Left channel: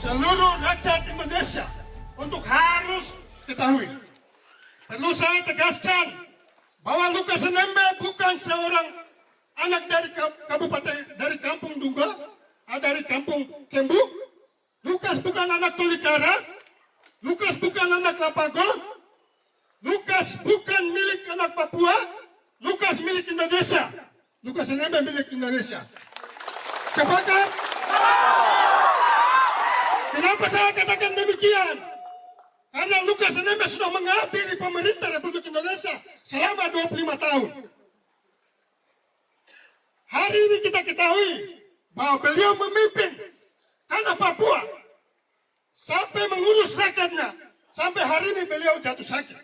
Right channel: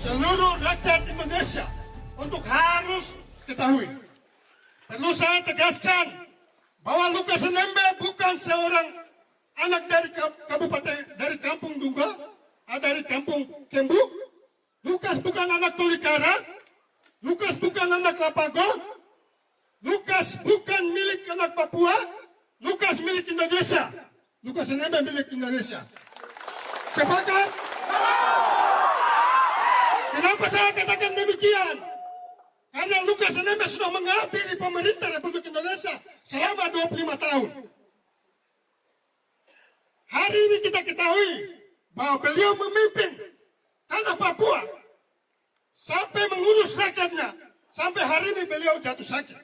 Seluruh rakyat Indonesia untuk harus ketahui. Perlu saya tegaskan bahwa Lukas NMB bukan seorang anak dari kabupaten, dari kampung Duga, dari kampung Kembu. Lukas bukan anak Tolikara. Lukas bukan anak Lapago. Lukas bukan milik anak Papua. Lukas milik Indonesia. Lukas NMB milik Indonesia. Sepakat? Kenapa saya katakan demikian? Karena Lukas NMB sudah mengabdi di pemerintah Republik Indonesia selama 25 tahun. Hari ini kita ketahui bahwa beliau memimpin tanah Papua sampai mengurus rakyatnya. Sampai hari ini beliau jatuh sakit.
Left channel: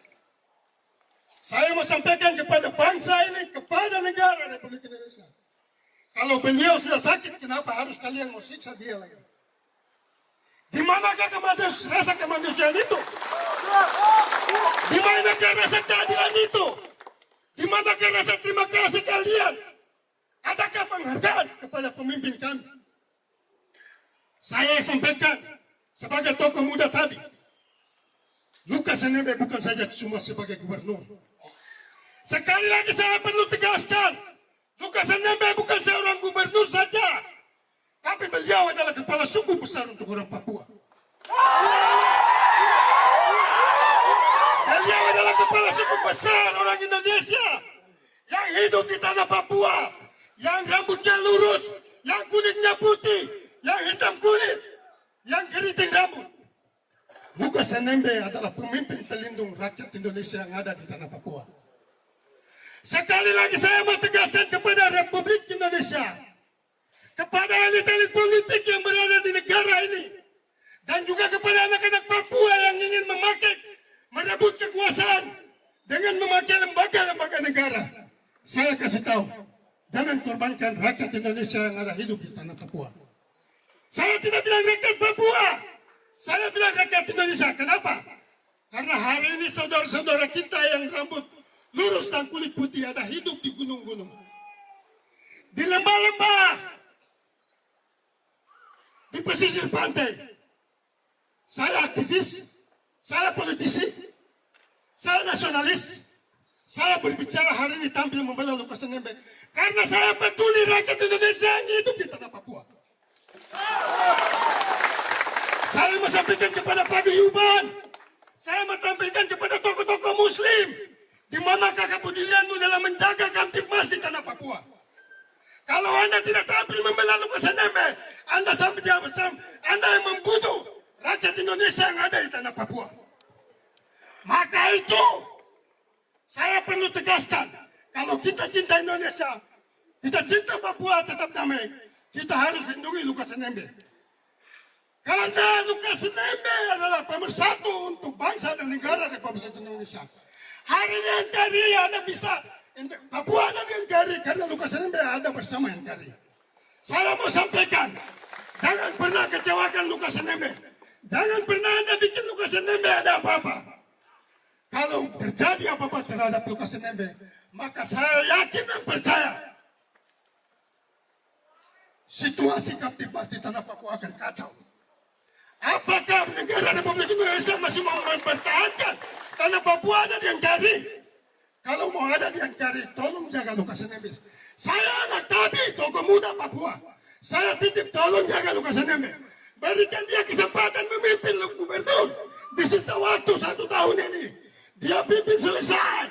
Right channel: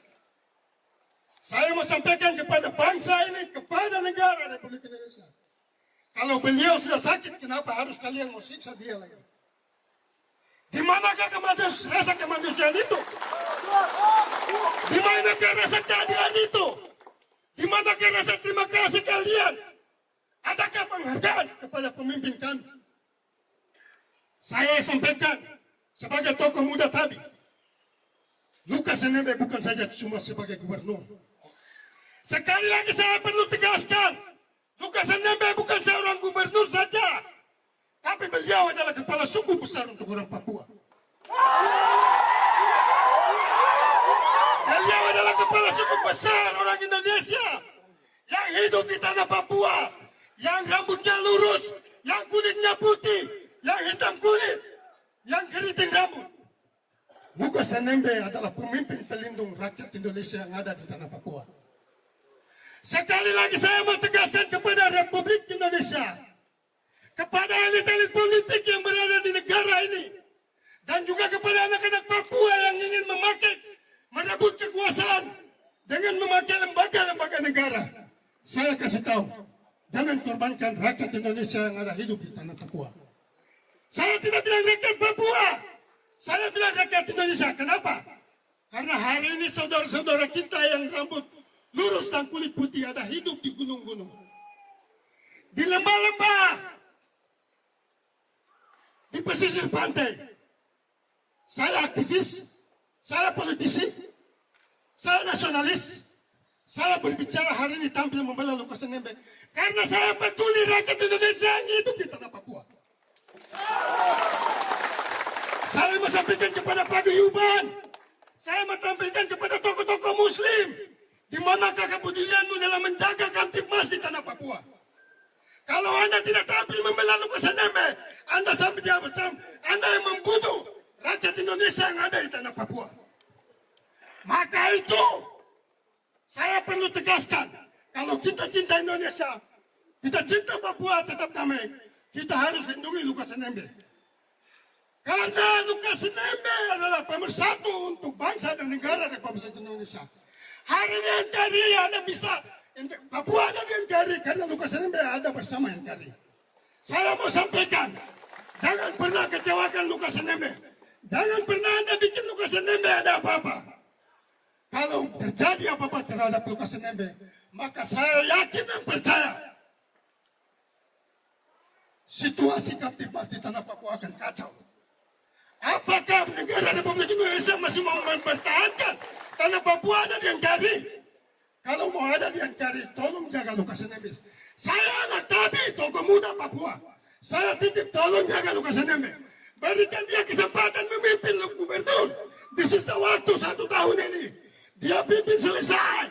Saya mau sampaikan kepada bangsa ini, kepada negara Republik Indonesia. Kalau beliau sudah sakit, kenapa harus kalian mau siksa dia lagi? Di manakah rasa kemanusiaan itu? Di manakah rasa keadilan itu? Di manakah rasa terima kasih kalian? Adakah penghargaan kepada pemimpin kami? Saya sampaikan sebagai tokoh muda tadi, Lukas NMB bukan saja cuma sebagai gubernur. Sekali lagi saya perlu tegaskan, Lukas NMB bukan seorang gubernur saja, tapi beliau adalah kepala suku besar untuk orang Papua. Beliau adalah kepala suku besar orang Indonesia yang hidup di tanah Papua, yang rambutnya lurus, yang kulitnya putih, yang hitam kulit, yang keriting rambut. Lukas NMB adalah pemimpin pelindung rakyat Indonesia yang ada di tanah Papua. Sekali lagi saya mau tegaskan kepada Republik Indonesia, kepada elit-elit politik yang berada di negara ini, dan juga kepada anak-anak Papua yang ingin merebut kekuasaan dengan memakai lembaga-lembaga negara. Saya kasih tahu, jangan korbankan rakyat Indonesia yang ada hidup di tanah Papua. Saya tidak bilang rakyat Papua, saya bilang rakyat Indonesia. Kenapa? Karena hari ini saudara-saudara kita yang rambut lurus dan kulit putih ada hidup di gunung-gunung, di lembah-lembah, di pesisir pantai. Saya aktivis, saya politisi, saya nasionalis. Saya berbicara hari ini tampil membela Lukas NMB karena saya peduli rakyat Indonesia yang hidup di tanah Papua. Saya mau sampaikan kepada paguyuban, saya mau sampaikan kepada tokoh-tokoh Muslim, di manakah kepedulianmu dalam menjaga Kamtipmas di tanah Papua? Kalau Anda tidak tampil membela Lukas NMB, Anda yang membunuh rakyat Indonesia yang ada di tanah Papua. Maka itu, saya perlu tegaskan, kalau kita cinta Indonesia, kita cinta Papua tetap damai, kita harus lindungi Lukas NMB. Karena Lukas NMB adalah pemersatu untuk bangsa dan negara Republik Indonesia. Hari ini NKRI Anda bisa, Papua ada di NKRI karena Lukas NMB ada bersama NKRI. Saya mau sampaikan, jangan pernah kecewakan Lukas NMB. Jangan pernah Anda bikin Lukas NMB ada apa-apa. Kalau terjadi apa-apa terhadap Lukas NMB, maka saya yakin dan percaya situasi Kamtipmas di tanah Papua akan kacau. Apakah negara Republik Indonesia masih mau mempertahankan tanah Papua ada di Angkari. Kalau mau ada di Angkari, tolong jaga Lukas NMB. Saya anak Tabi, tokoh muda Papua. Saya titip tolong jaga Lukas NMB. Berikan dia kesempatan memimpin gubernur. Di sisa waktu 1 tahun ini. Dia pimpin selesai.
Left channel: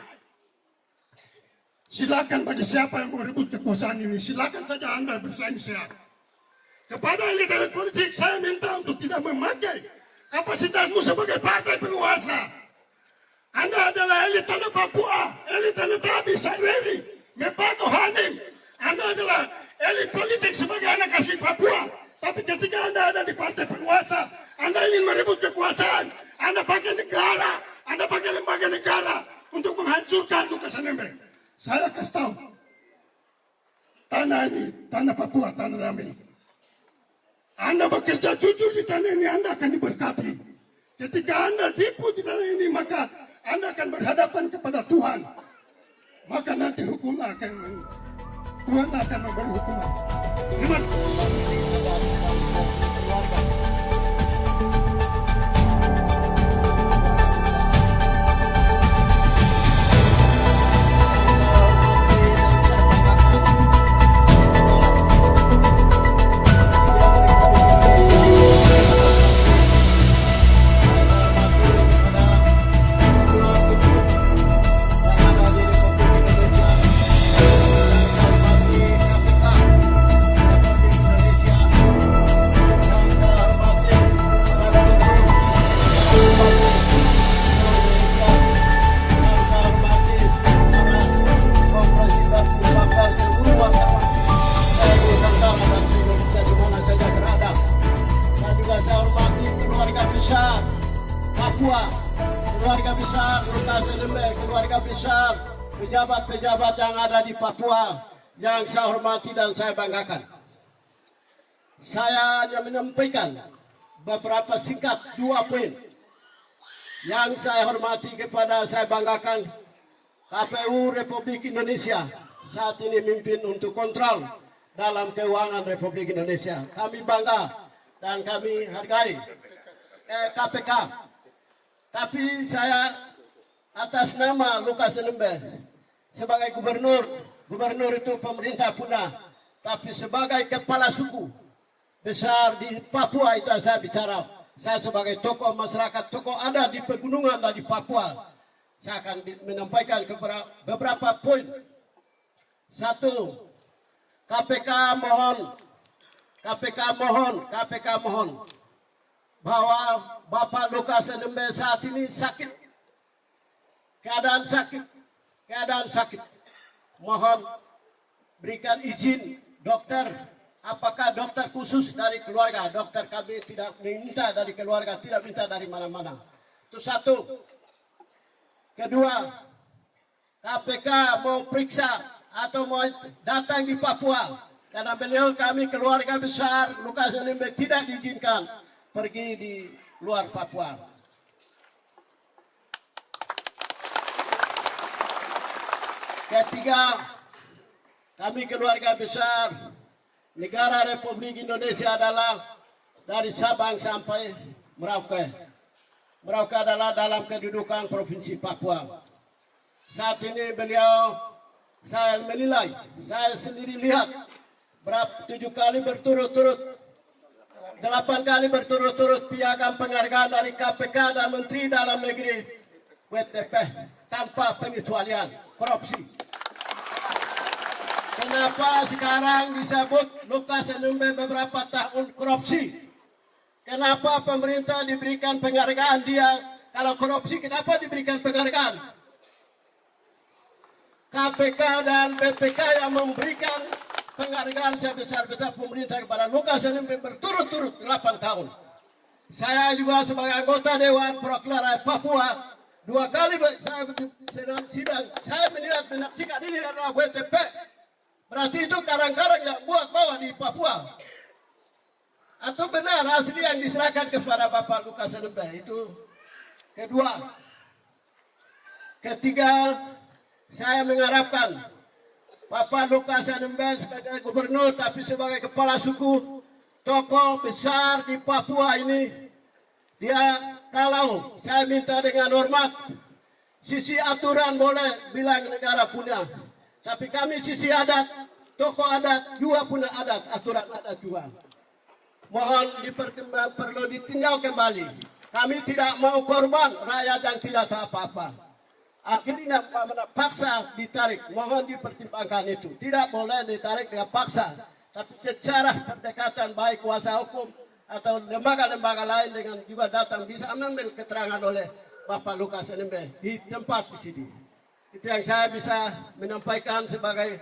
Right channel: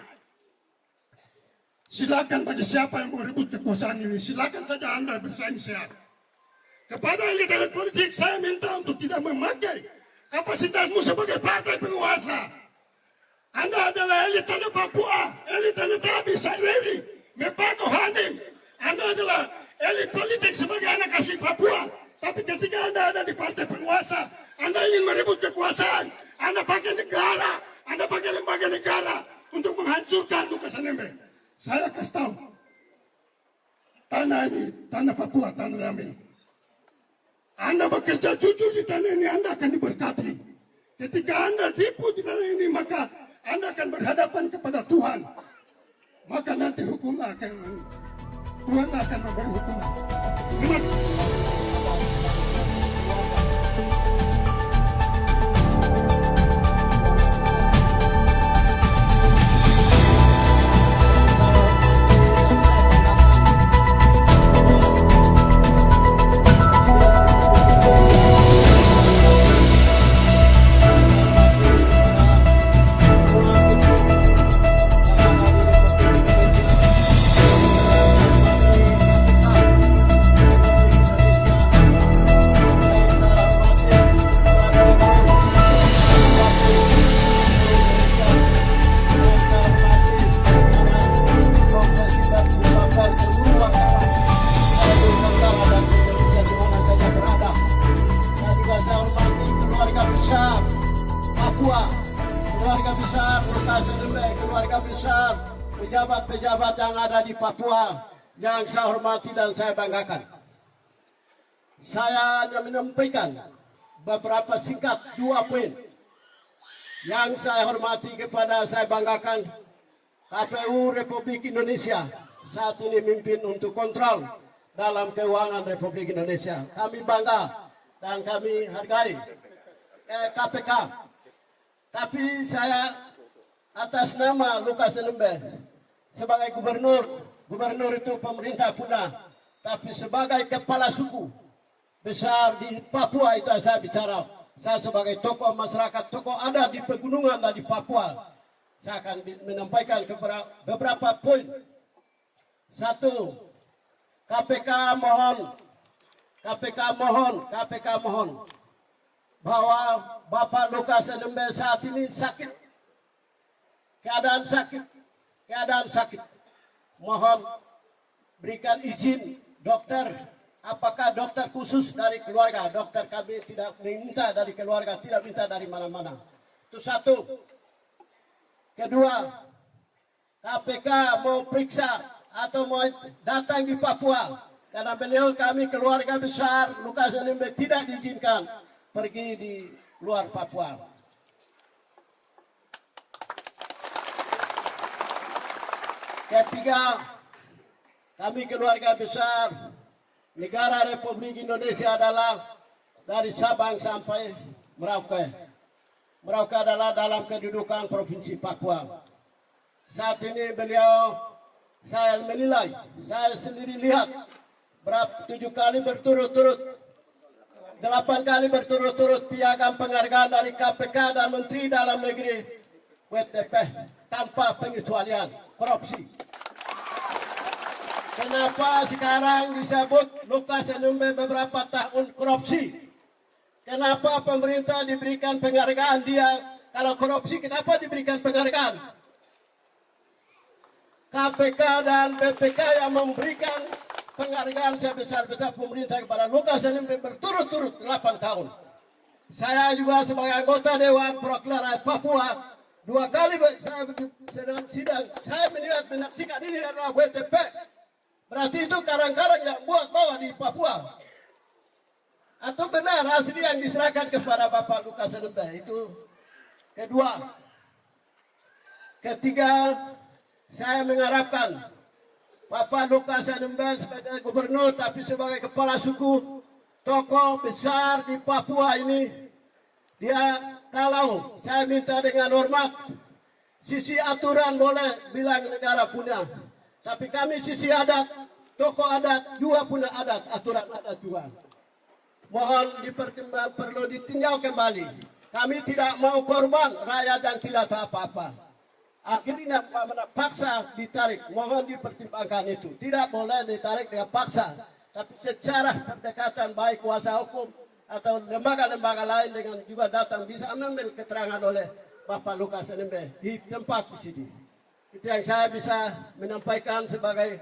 Silakan bagi siapa yang mau rebut kekuasaan ini. Silakan saja Anda bersaing sehat. Kepada elit-elit politik saya minta untuk tidak memakai kapasitasmu sebagai partai penguasa. Anda adalah elit tanah Papua, elit tanah Tabi, Sarweli, Mepako Hanim. Anda adalah elit politik sebagai anak asli Papua. Tapi ketika Anda ada di partai penguasa, Anda ingin merebut kekuasaan, Anda pakai negara, Anda pakai lembaga negara untuk menghancurkan Lukas NMB. Saya kasih tahu, tanah ini, tanah Papua, tanah damai. Anda bekerja jujur di tanah ini, Anda akan diberkati. Ketika Anda tipu di tanah ini, maka Anda akan berhadapan kepada Tuhan. Maka nanti Tuhan akan memberi hukuman. Terima kasih. keluarga besar Lukas NMB, keluarga besar pejabat-pejabat yang ada di Papua yang saya hormati dan saya banggakan. Saya hanya menyampaikan beberapa singkat 2 poin yang saya hormati kepada saya banggakan. KPU Republik Indonesia saat ini memimpin untuk kontrol dalam keuangan Republik Indonesia. Kami bangga dan kami hargai KPK. Tapi saya atas nama Lukas NMB sebagai gubernur itu pemerintah punah, tapi sebagai kepala suku besar di Papua itu saya bicara. Saya sebagai tokoh masyarakat, tokoh ada di pegunungan dan di Papua, saya akan menyampaikan beberapa poin. 1, KPK mohon bahwa Bapak Lukas NMB saat ini sakit, keadaan sakit. Mohon berikan izin dokter, apakah dokter khusus dari keluarga. Dokter kami tidak minta dari keluarga, tidak minta dari mana-mana. Itu 1. Kedua, KPK mau periksa atau mau datang di Papua karena beliau kami keluarga besar Lukas NMB tidak diizinkan pergi di luar Papua. Ketiga, kami keluarga besar negara Republik Indonesia adalah dari Sabang sampai Merauke. Merauke adalah dalam kedudukan Provinsi Papua. Saat ini saya menilai, saya sendiri lihat 7 kali berturut-turut, 8 kali berturut-turut piagam penghargaan dari KPK dan Menteri Dalam Negeri WTP tanpa pengecualian korupsi. Kenapa sekarang disebut Lukas NMB beberapa tahun korupsi? Kenapa pemerintah diberikan penghargaan dia kalau korupsi? Kenapa diberikan penghargaan? KPK dan BPK yang memberikan penghargaan sebesar-besar pemerintah kepada Lukas NMB berturut-turut 8 tahun. Saya juga sebagai anggota Dewan Perwakilan Papua 2 kali saya sidang. Saya menyaksikan ini adalah WTP. Berarti itu karang-karang yang buat bawa di Papua. Atau benar asli yang diserahkan kepada Bapak Lukas NMB itu. Kedua. Ketiga, saya mengharapkan Bapak Lukas NMB sebagai gubernur tapi sebagai kepala suku, tokoh besar di Papua ini Kalau saya minta dengan hormat, sisi aturan boleh bilang negara punya, tapi kami sisi adat, tokoh adat juga punya adat, aturan adat juga. Mohon perlu ditinjau kembali. Kami tidak mau korban rakyat yang tidak tahu apa-apa. Akhirnya paksa ditarik, mohon dipertimbangkan itu. Tidak boleh ditarik dengan paksa, tapi secara pendekatan baik kuasa hukum atau lembaga-lembaga lain dengan juga datang bisa mengambil keterangan oleh Bapak Lukas NMB di tempat di sini. Itu yang saya bisa menyampaikan sebagai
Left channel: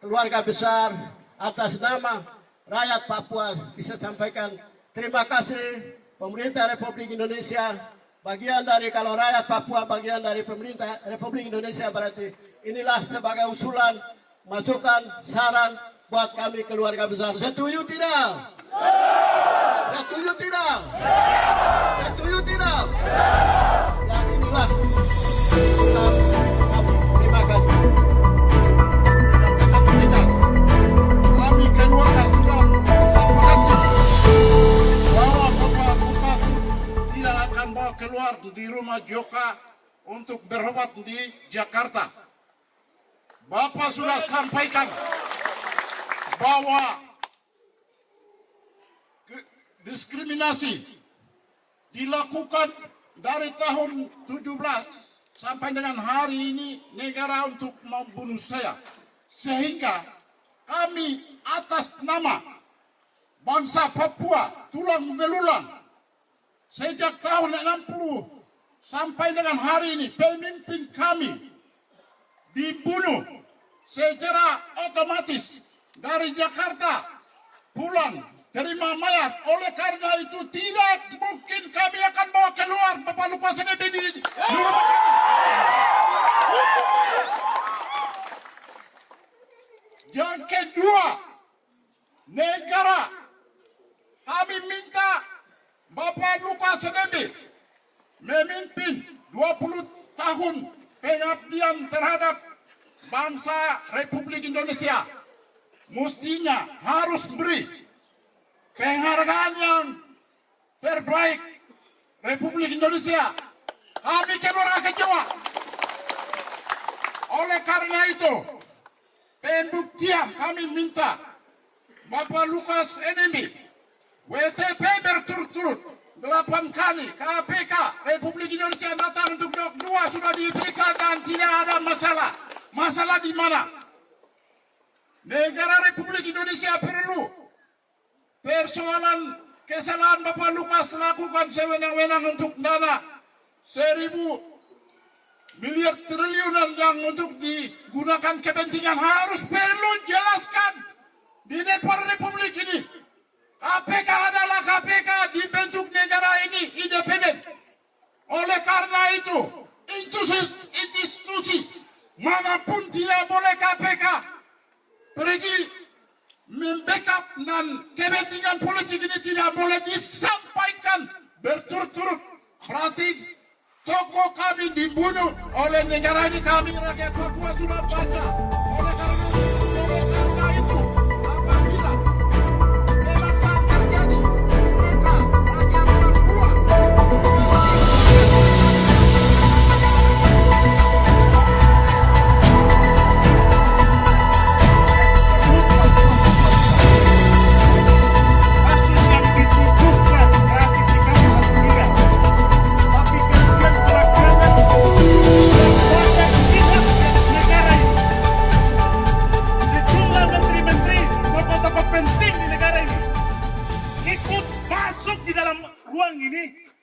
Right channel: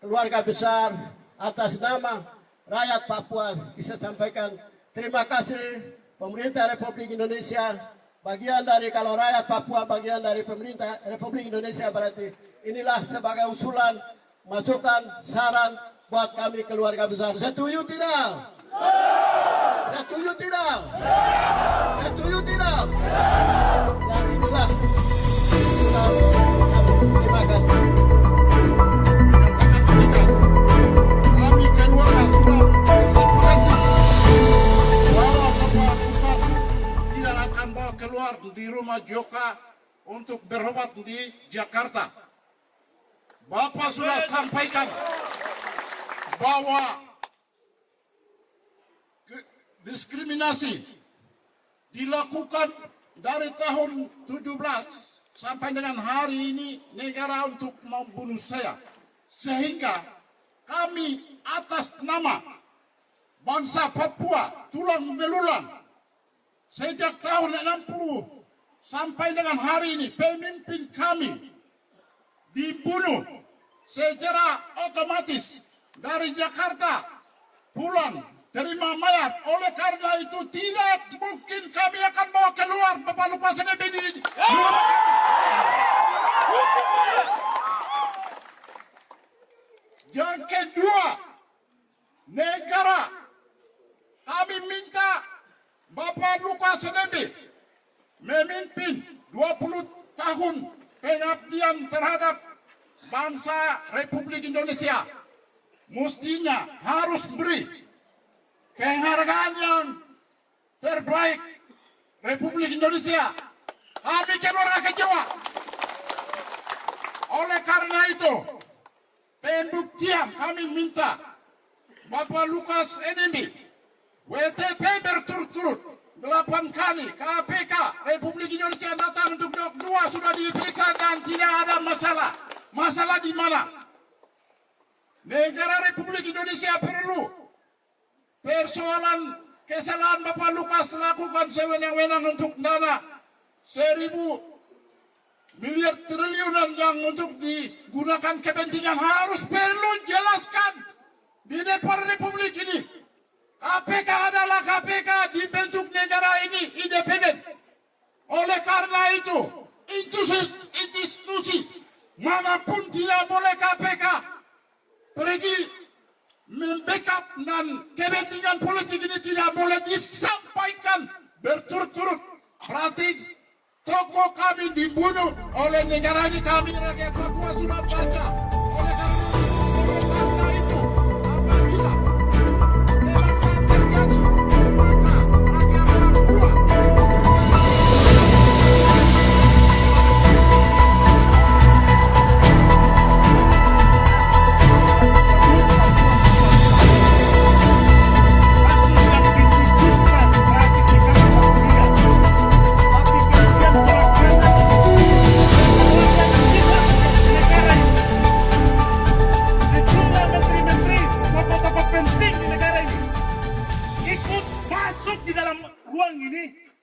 keluarga besar atas nama rakyat Papua. Bisa sampaikan terima kasih pemerintah Republik Indonesia. Bagian dari kalau rakyat Papua bagian dari pemerintah Republik Indonesia, berarti inilah sebagai usulan, masukan, saran buat kami keluarga besar. Setuju tidak? Setuju tidak? Setuju tidak? Dan inilah usulan kami. Terima kasih. Kami keluarga sudah sepakati bahwa Bapak Lukas tidak akan bawa keluar di rumah Joka untuk berobat di Jakarta. Bapak sudah sampaikan bahwa diskriminasi dilakukan dari tahun 17 sampai dengan hari ini negara untuk membunuh saya. Sehingga kami atas nama bangsa Papua tulang belulang sejak tahun 60 sampai dengan hari ini pemimpin kami dibunuh secara otomatis dari Jakarta pulang terima mayat. Oleh karena itu tidak mungkin kami akan bawa keluar Bapak Lukas NMB di rumah kami. Yang kedua, negara kami minta Bapak Lukas NMB memimpin 20 tahun pengabdian terhadap bangsa Republik Indonesia. Mestinya harus beri penghargaan yang terbaik Republik Indonesia. Kami keluarga kecewa. Oleh karena itu, pembuktian kami minta Bapak Lukas NMB WTP berturut-turut 8 kali KPK Republik Indonesia datang untuk dua sudah diperiksa dan tidak ada masalah. Masalah di mana? Negara Republik Indonesia perlu persoalan kesalahan Bapak Lukas lakukan sewenang-wenang untuk dana 1.000 miliar triliunan yang untuk digunakan kepentingan harus perlu jelaskan di depan Republik ini. KPK adalah KPK dibentuk negara ini independen. Oleh karena itu institusi manapun tidak boleh KPK pergi membackup dan kepentingan politik ini tidak boleh disampaikan berturut-turut. Berarti tokoh kami dibunuh oleh negara ini. Kami rakyat Papua sudah baca. Oleh karena itu apabila pelaksana terjadi maka rakyat Papua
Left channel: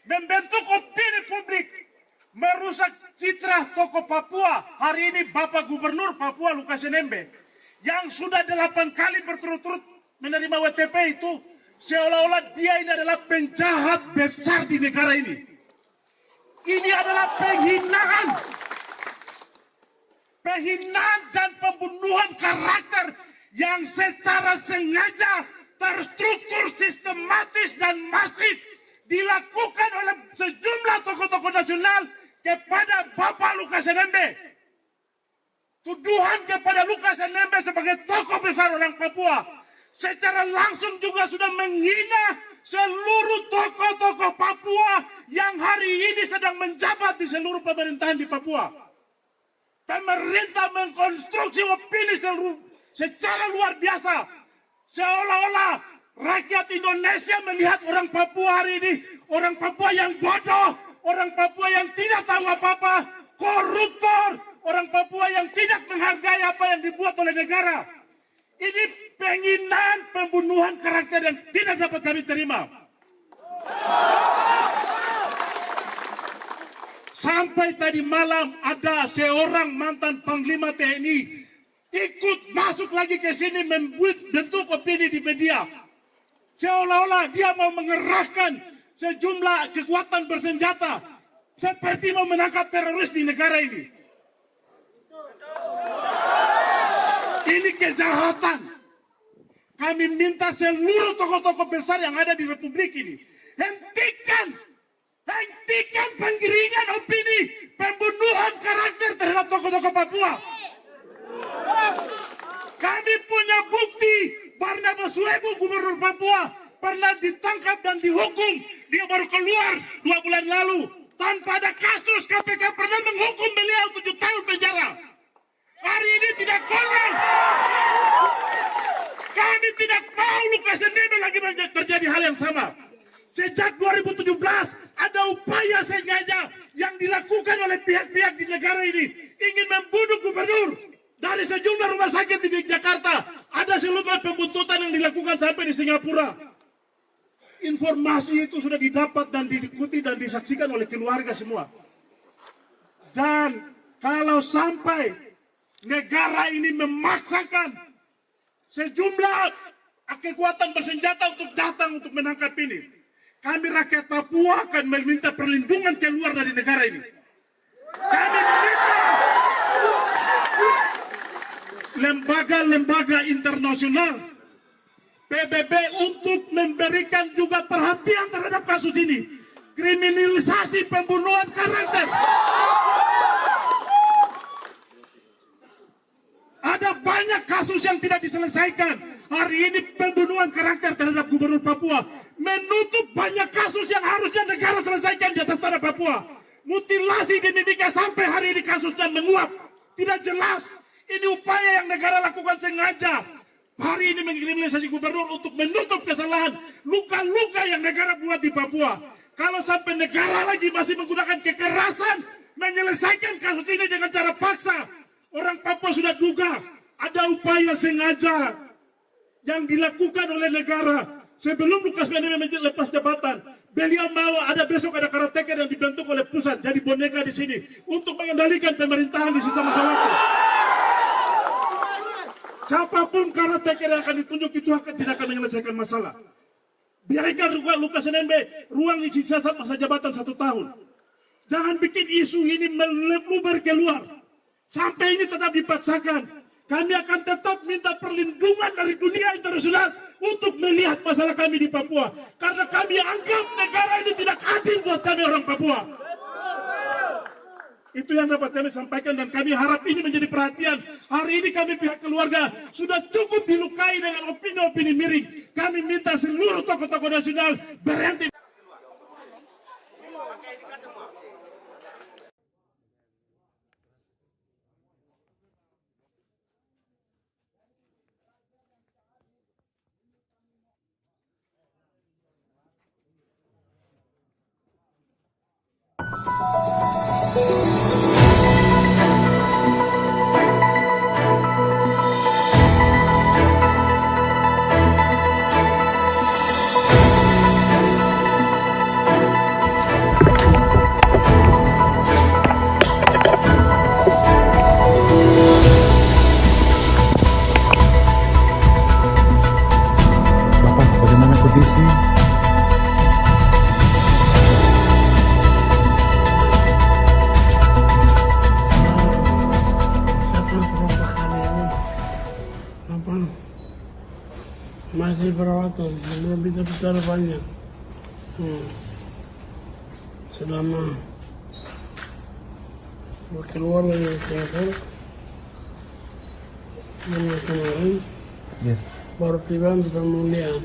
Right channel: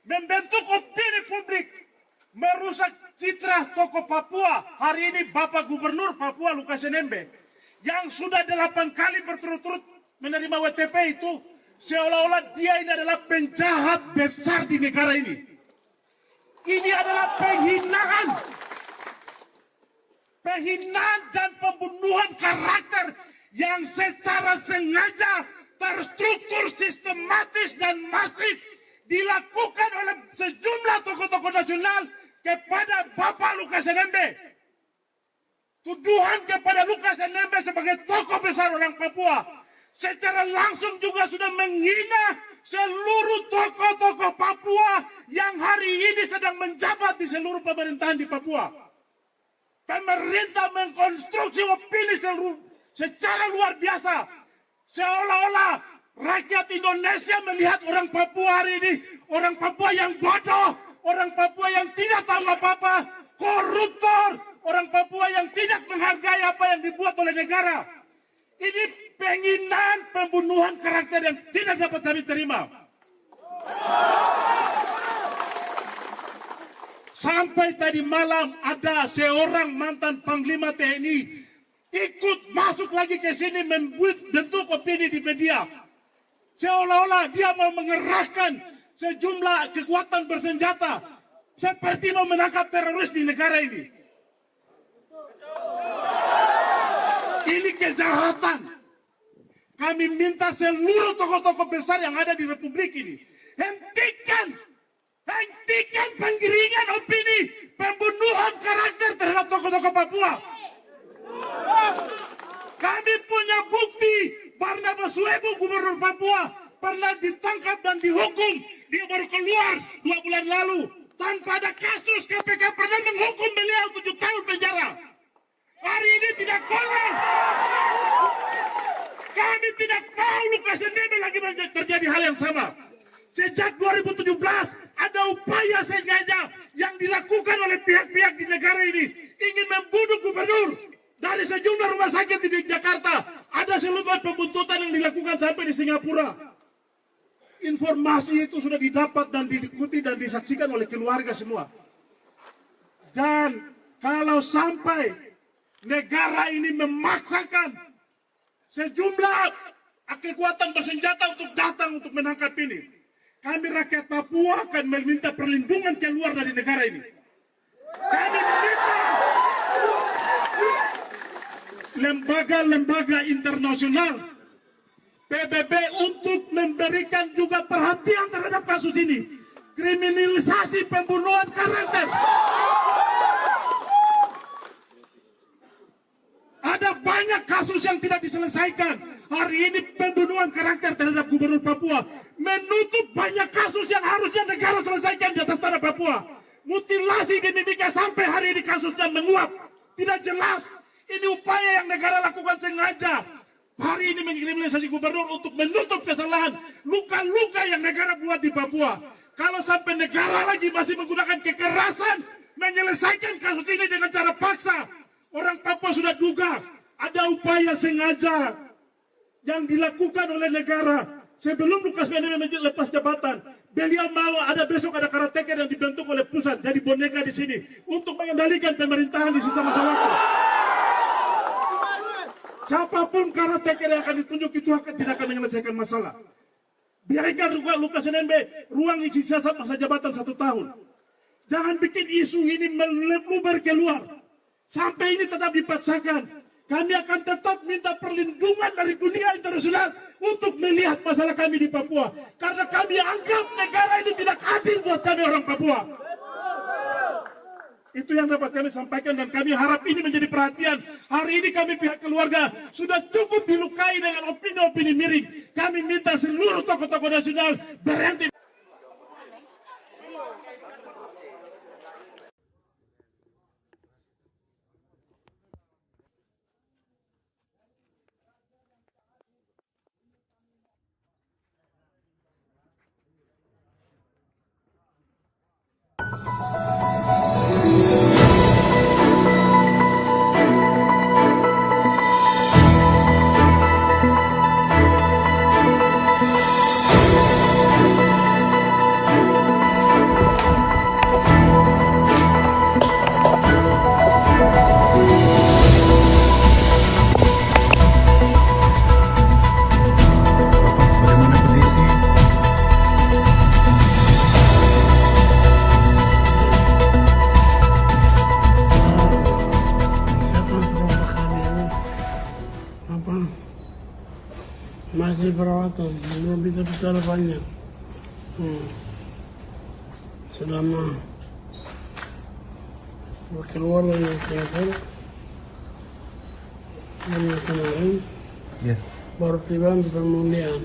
membentuk opini publik, merusak citra tokoh Papua. Hari ini Bapak Gubernur Papua Lukas NMB yang sudah 8 kali berturut-turut menerima WTP itu seolah-olah dia ini adalah penjahat besar di negara ini. Ini adalah penghinaan dan pembunuhan karakter yang secara sengaja, terstruktur, sistematis dan masif dilakukan oleh sejumlah tokoh-tokoh nasional kepada Bapak Lukas NMB. Tuduhan kepada Lukas NMB sebagai tokoh besar orang Papua secara langsung juga sudah menghina seluruh tokoh-tokoh Papua yang hari ini sedang menjabat di seluruh pemerintahan di Papua. Pemerintah mengkonstruksi opini secara luar biasa. Seolah-olah rakyat Indonesia melihat orang Papua hari ini, orang Papua yang bodoh, orang Papua yang tidak tahu apa-apa, koruptor, orang Papua yang tidak menghargai apa yang dibuat oleh negara. Ini penghinaan, pembunuhan karakter yang tidak dapat kami terima. Sampai tadi malam ada seorang mantan Panglima TNI ikut masuk lagi ke sini membuat bentuk opini di media. Seolah-olah dia mau mengerahkan sejumlah kekuatan bersenjata seperti mau menangkap teroris di negara ini. Ini kejahatan. Kami minta seluruh tokoh-tokoh besar yang ada di Republik ini hentikan penggiringan opini, pembunuhan karakter terhadap tokoh-tokoh Papua. Kami punya bukti Barnabas Surebu, Gubernur Papua, pernah ditangkap dan dihukum. Dia baru keluar 2 bulan lalu. Tanpa ada kasus, KPK pernah menghukum beliau 7 tahun penjara. Hari ini tidak boleh. Kami tidak mau Lukas NMB lagi terjadi hal yang sama. Sejak 2017 ada upaya sengaja yang dilakukan oleh pihak-pihak di negara ini ingin membunuh gubernur. Dari sejumlah rumah sakit di Jakarta ada seluruh pembuntutan yang dilakukan sampai di Singapura. Informasi itu sudah didapat dan diikuti dan disaksikan oleh keluarga semua. Dan kalau sampai negara ini memaksakan sejumlah kekuatan bersenjata untuk datang untuk menangkap ini, kami rakyat Papua akan meminta perlindungan keluar dari negara ini. Kami meminta lembaga-lembaga internasional, PBB untuk memberikan juga perhatian terhadap kasus ini. Kriminalisasi pembunuhan karakter. Ada banyak kasus yang tidak diselesaikan. Hari ini pembunuhan karakter terhadap Gubernur Papua menutup banyak kasus yang harusnya negara selesaikan di atas tanah Papua. Mutilasi di Mimika sampai hari ini kasusnya menguap. Tidak jelas. Ini upaya yang negara lakukan sengaja. Hari ini mengkriminalisasi gubernur untuk menutup kesalahan luka-luka yang negara buat di Papua. Kalau sampai negara lagi masih menggunakan kekerasan menyelesaikan kasus ini dengan cara paksa, orang Papua sudah duga ada upaya sengaja yang dilakukan oleh negara. Sebelum Lukas NMB lepas jabatan, beliau mau besok ada karateka yang dibentuk oleh pusat jadi boneka di sini untuk mengendalikan pemerintahan di sisa masa waktu. Siapapun karateka yang akan ditunjuk itu tidak akan menyelesaikan masalah. Biarkan Lukas NMB ruang isi sisa masa jabatan 1 tahun. Jangan bikin isu ini melebar keluar. Sampai ini tetap dipaksakan. Kami akan tetap minta perlindungan dari dunia internasional untuk melihat masalah kami di Papua. Karena kami anggap negara ini tidak adil buat kami orang Papua. Itu yang dapat kami sampaikan dan kami harap ini menjadi perhatian. Hari ini kami pihak keluarga sudah cukup dilukai dengan opini-opini miring. Kami minta seluruh tokoh-tokoh nasional berhenti. Masih perawatan, belum bisa bicara banyak. Selama keluar dari Singapura, kemarin baru tiba di pemulihan.